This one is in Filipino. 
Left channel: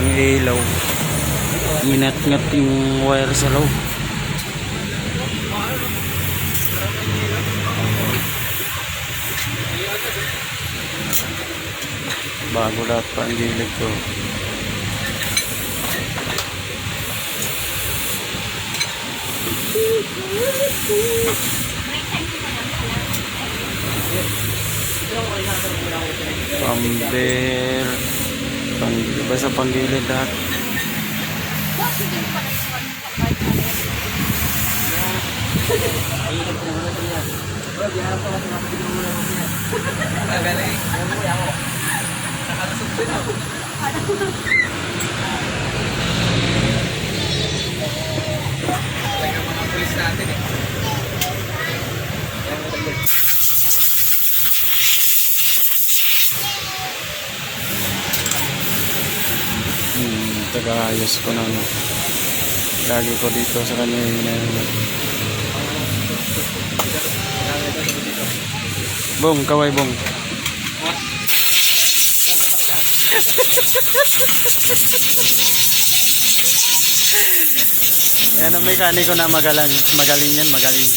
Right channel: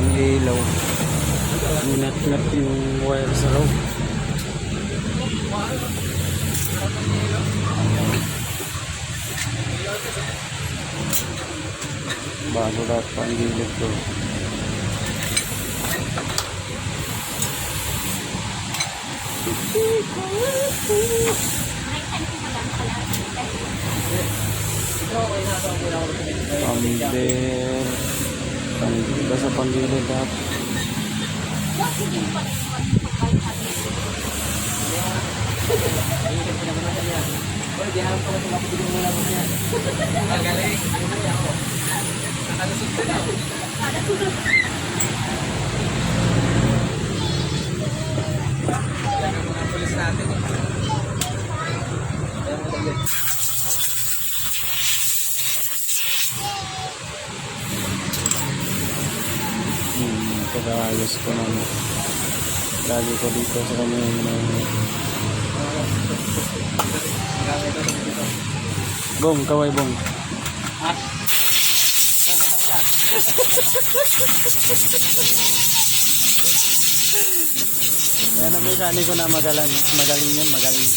walang ilaw. Minat-ngat yung wire sa loob. Bago lahat pa ang gilid ko. Pamber. Basta panggilid lahat. Tagaayos ko na ano. Lagi ko dito sa kanya yung Bong, kaway bong. Ha? Yan ang mekaniko na magaling yan, magaling.